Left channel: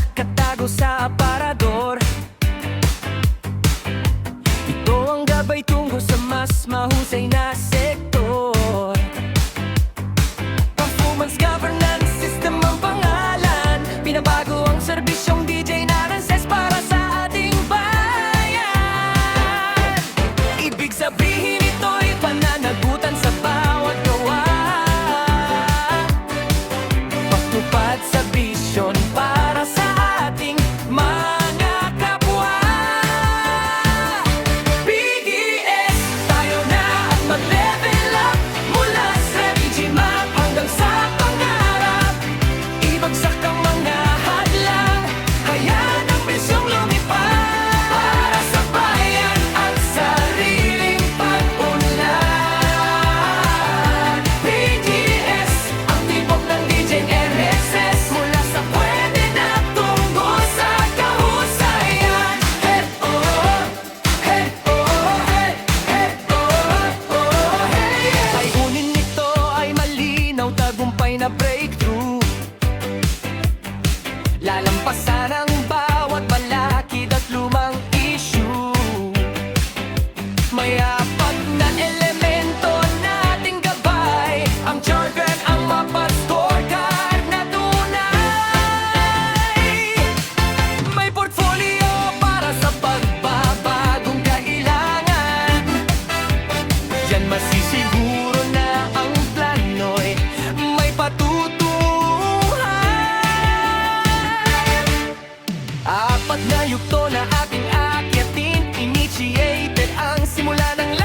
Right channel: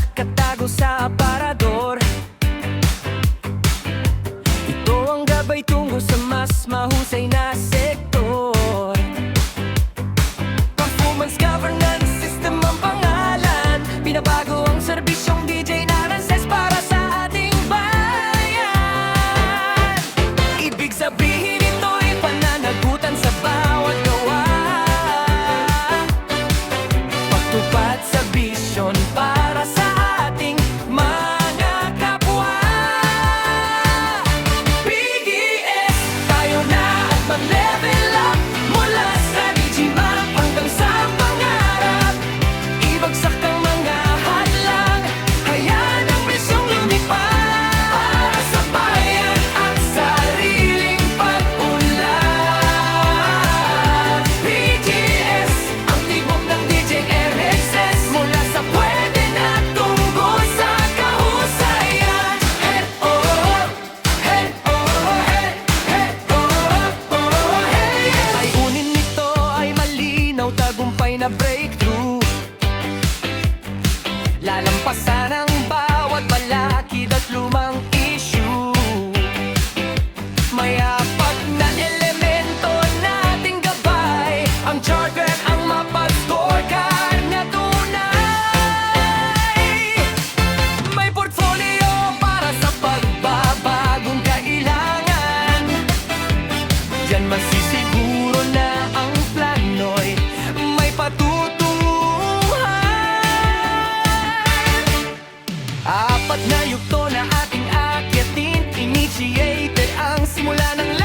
nakatago sa aparador. Ito ang gabay tungo sa mas mahusay na sektor. Performance governance system ang pangalan. Pinabago ang serbisyong DJ Narances para sa ating bayan. Ibig sabihin ito'y pananagutan sa bawat gawa, pagtupad sa bisyon para sa ating mga kapwa. PDS, tayo na at mag-level up, mula sa Digimap hanggang sa pangarap. Ibagsak ang mga hadlang, hayaan ang bisyong lumipad para sa bayan at sariling pag-unlad. PDS, ang tibok ng DJ RXS, mula sa pwede na tungo sa kahusayan. Hey oh, hey oh, hey, hey oh, oh, hey. Layunin nito ay malinaw, tagumpay na breakthrough. Lalampasan ang bawat balakid at lumang issue. May apat na elemento nating gabay, ang charter, ang mapa, scorecard na tunay. May portfolio para sa pagbabagong kailangan. Diyan masisiguro na ang plano'y may patutunguhan. Apat na yugto na ating akyatin, initiated ang simula ng